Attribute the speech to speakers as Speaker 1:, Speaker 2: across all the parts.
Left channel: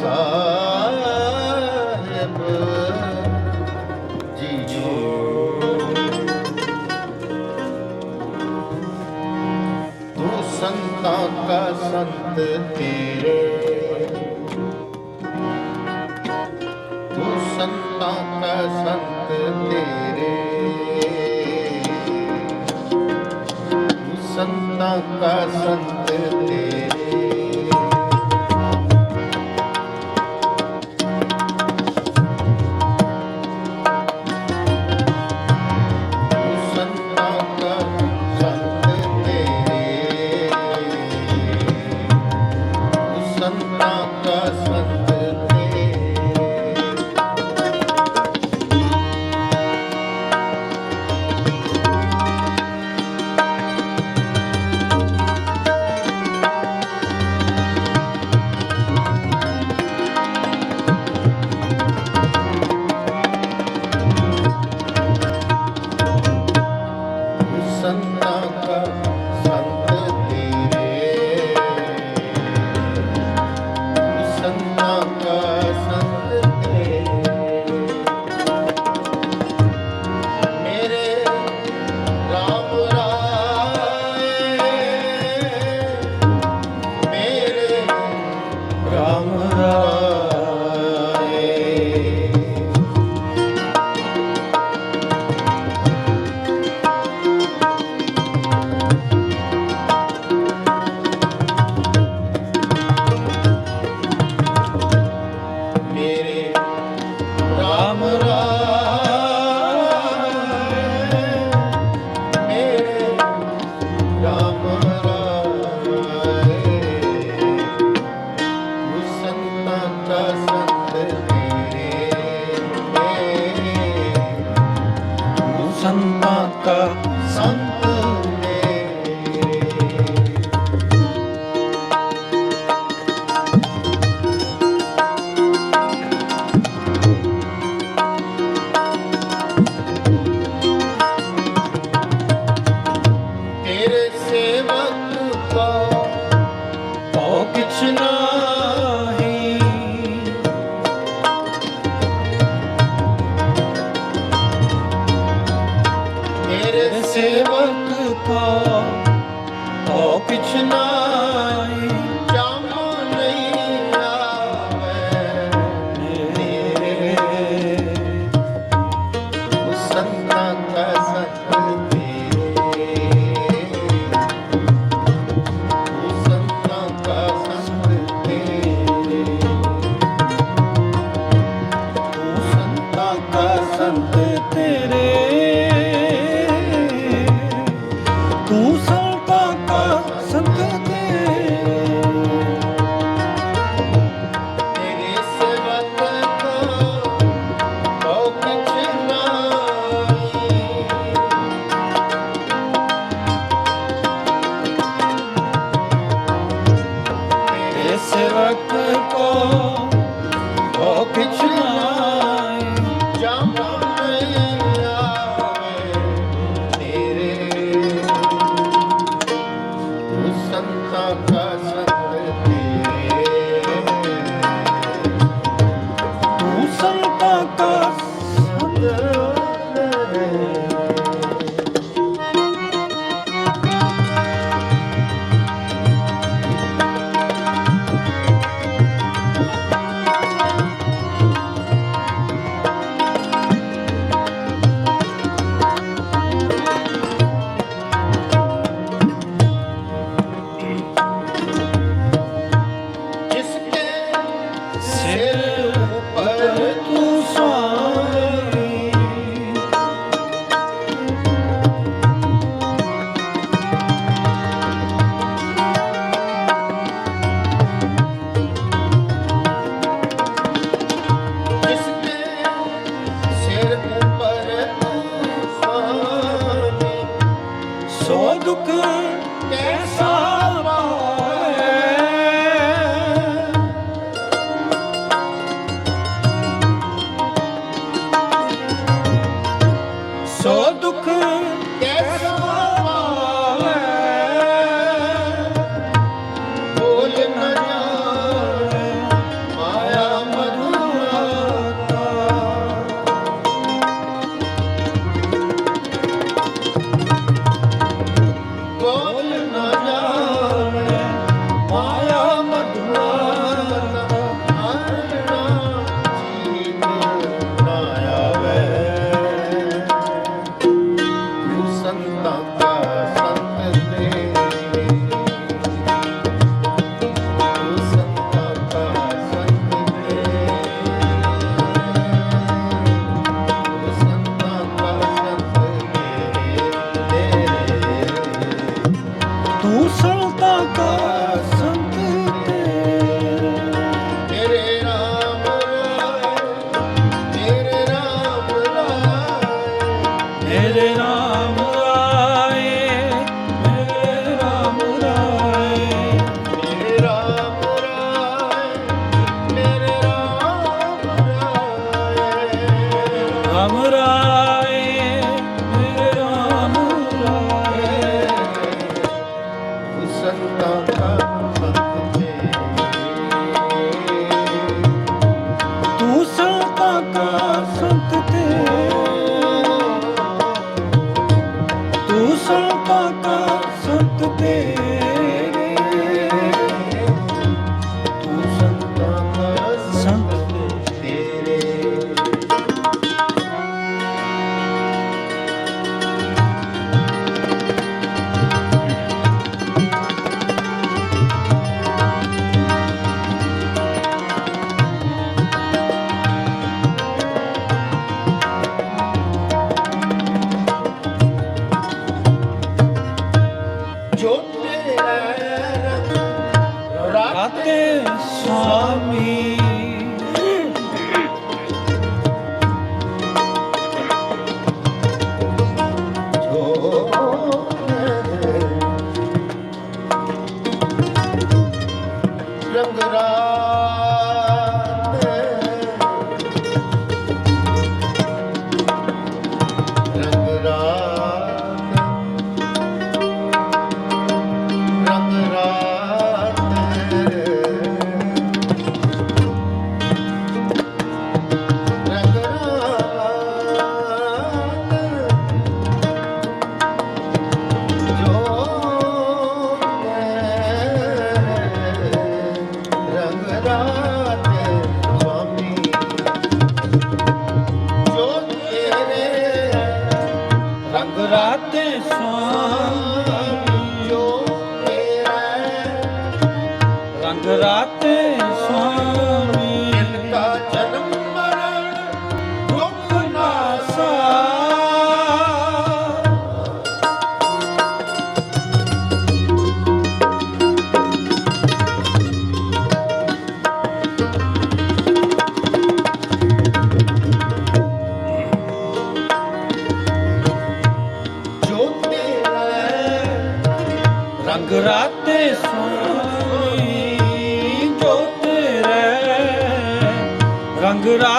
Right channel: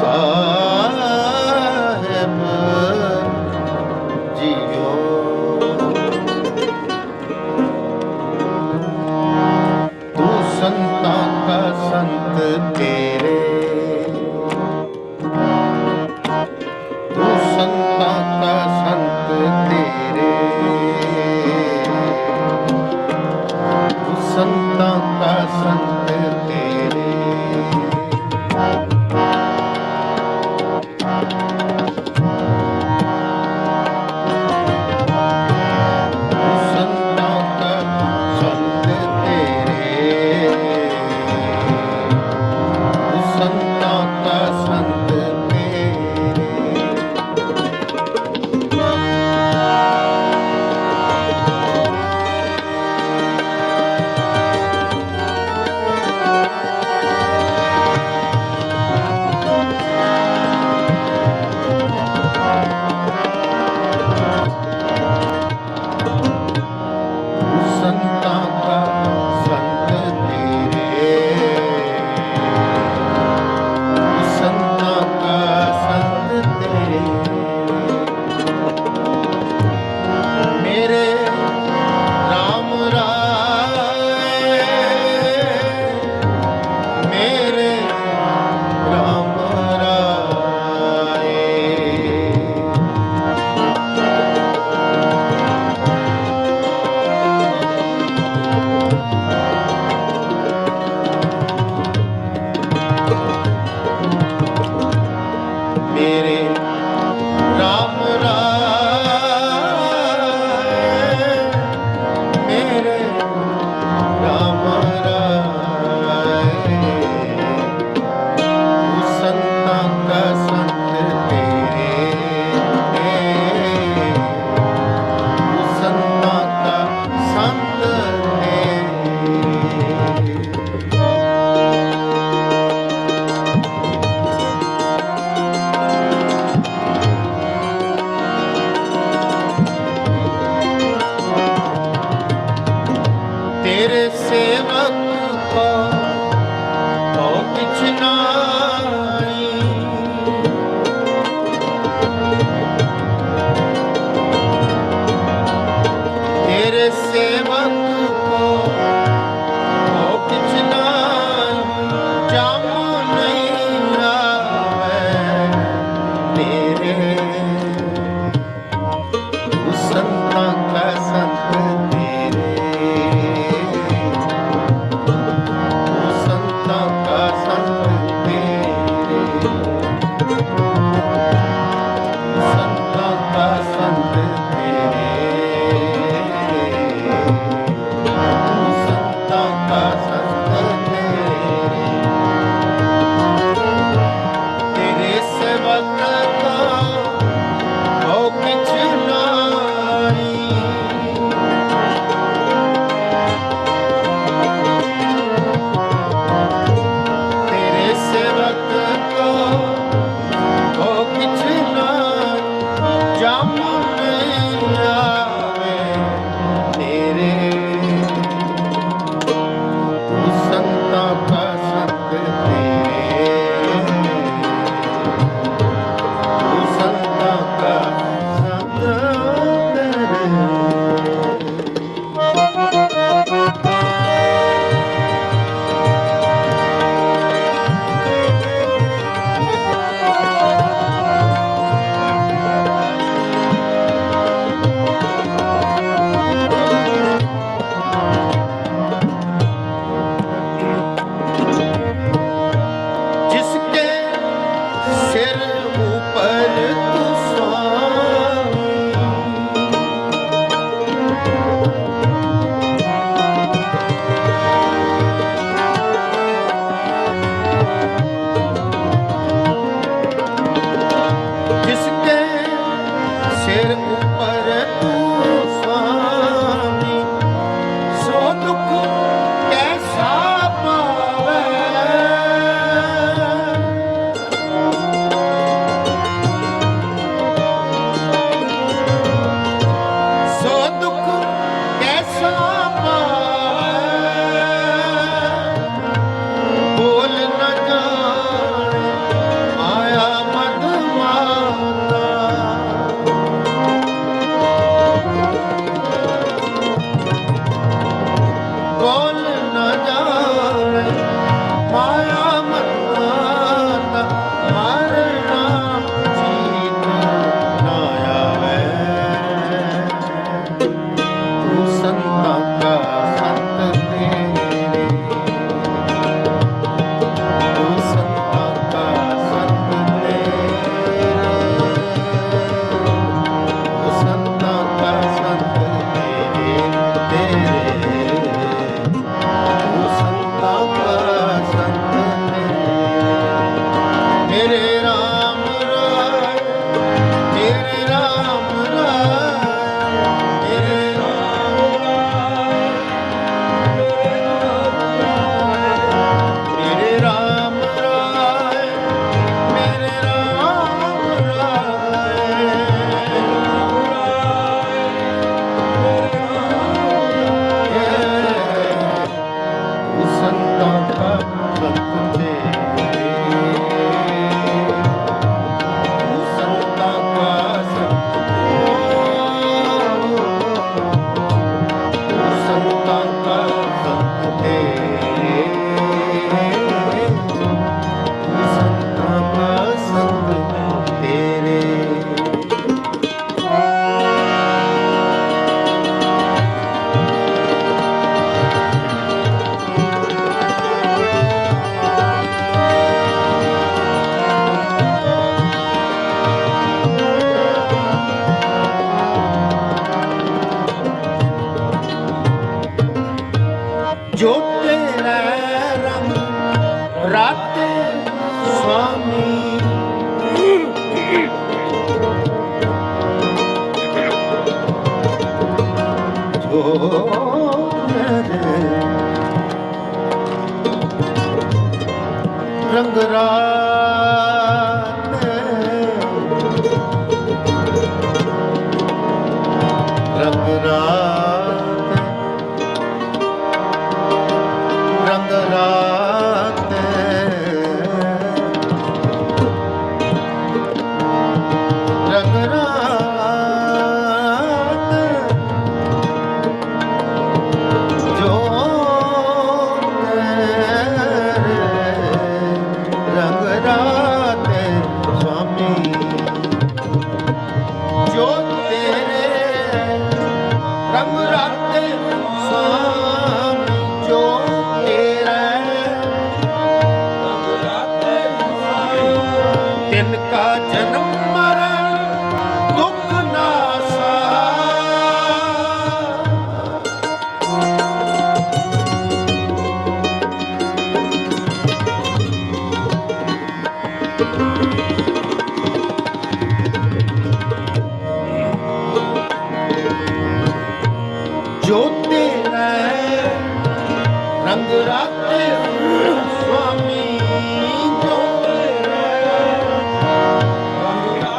Speaker 1: sun.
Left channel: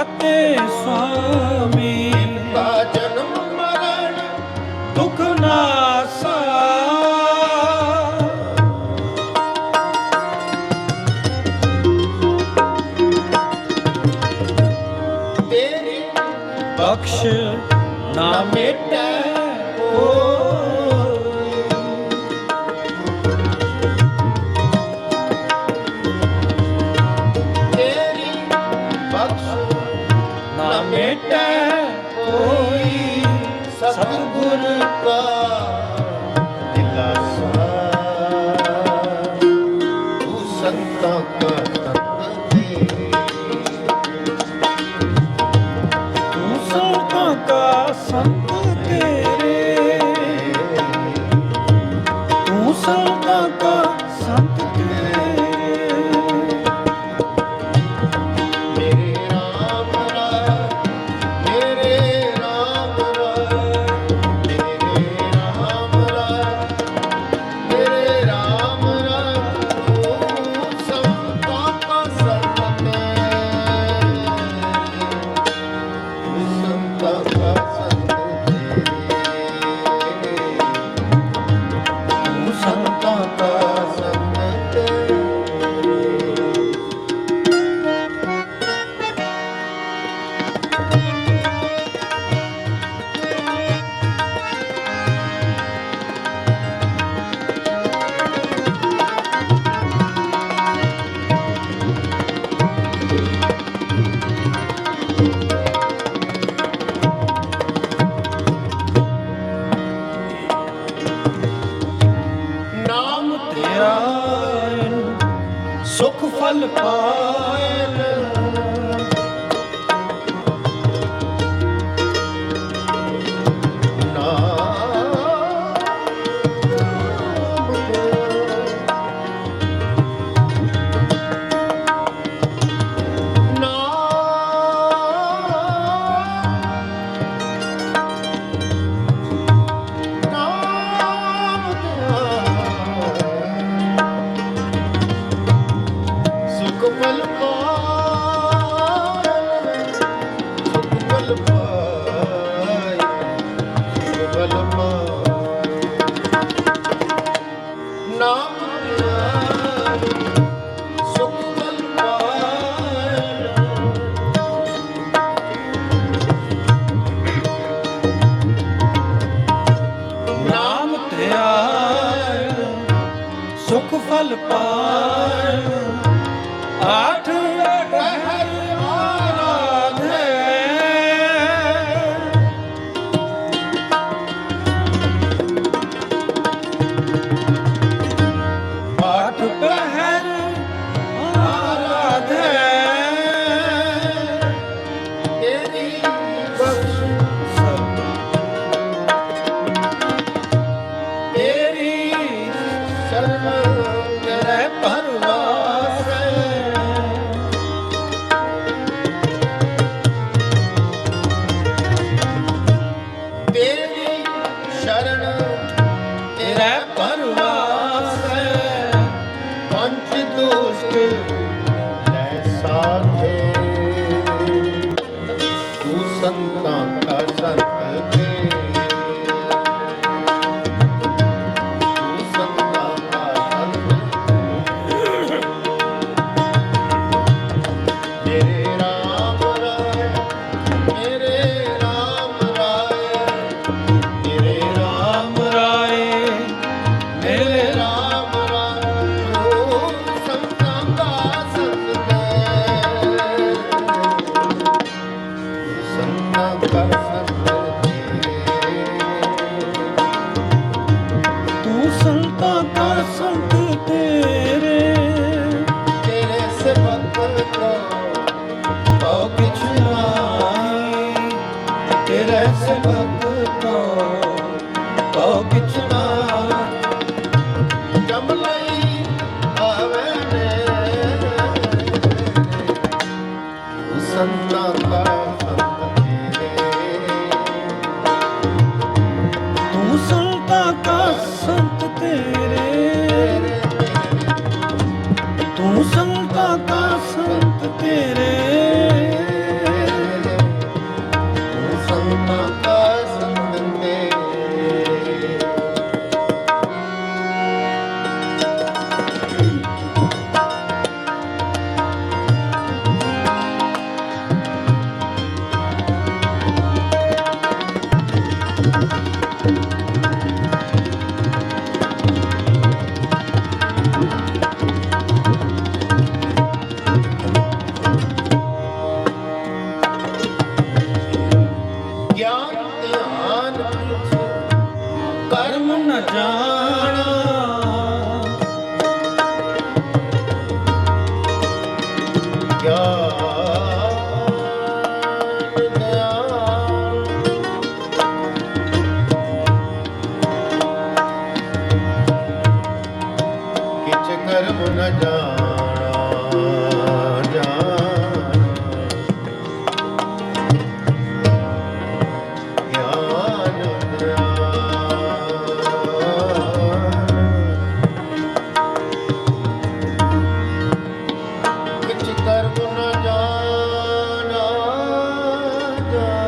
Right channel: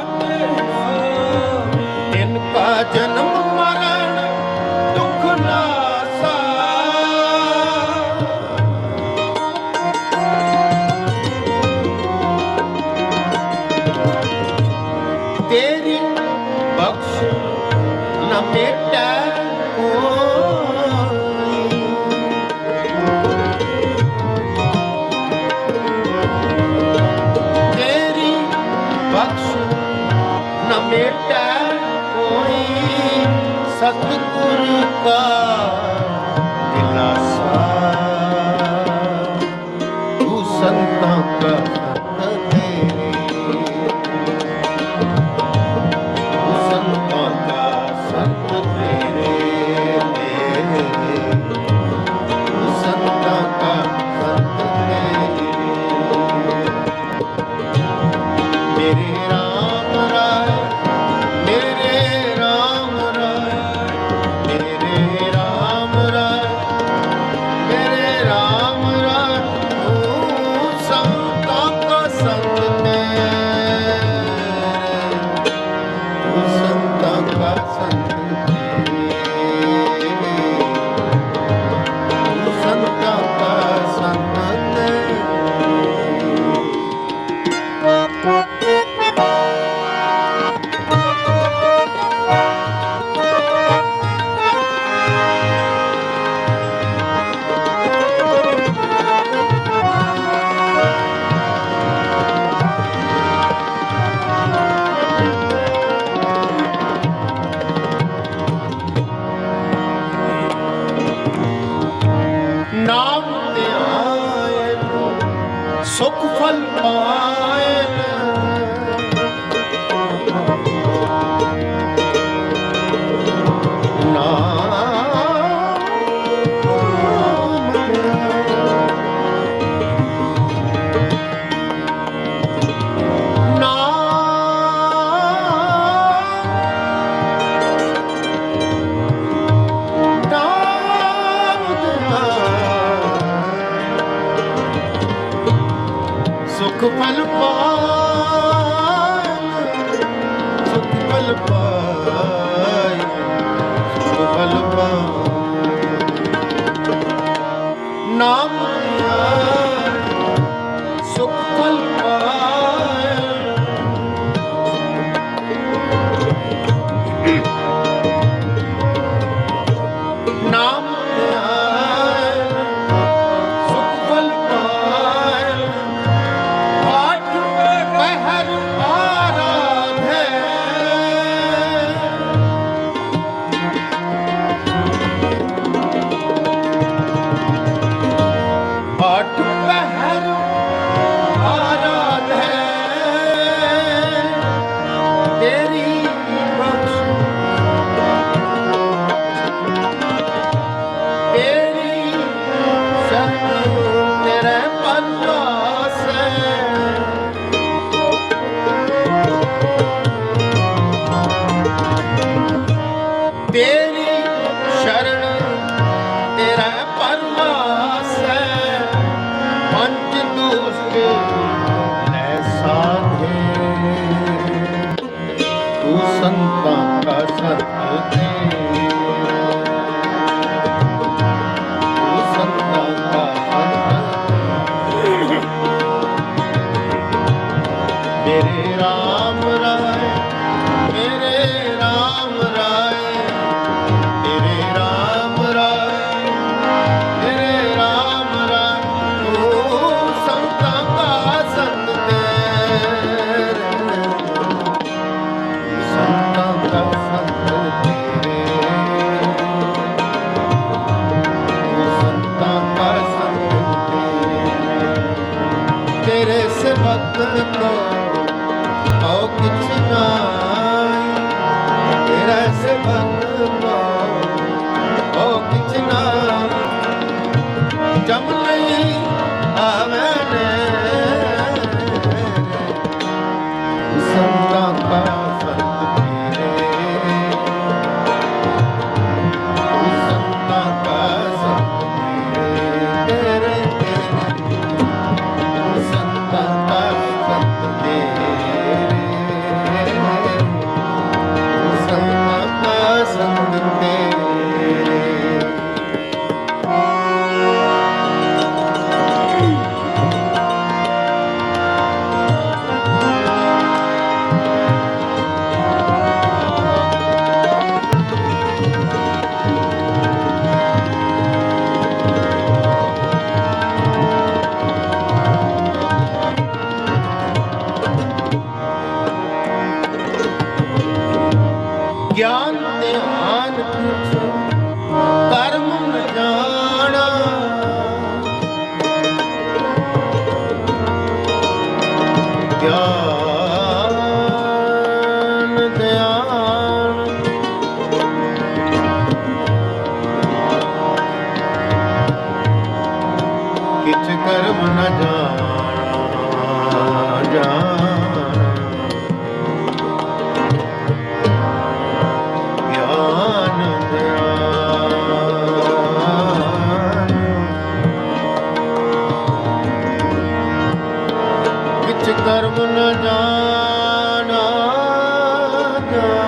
Speaker 1: ਸੱਚੇ ਸੋ Papa. Yeah. good.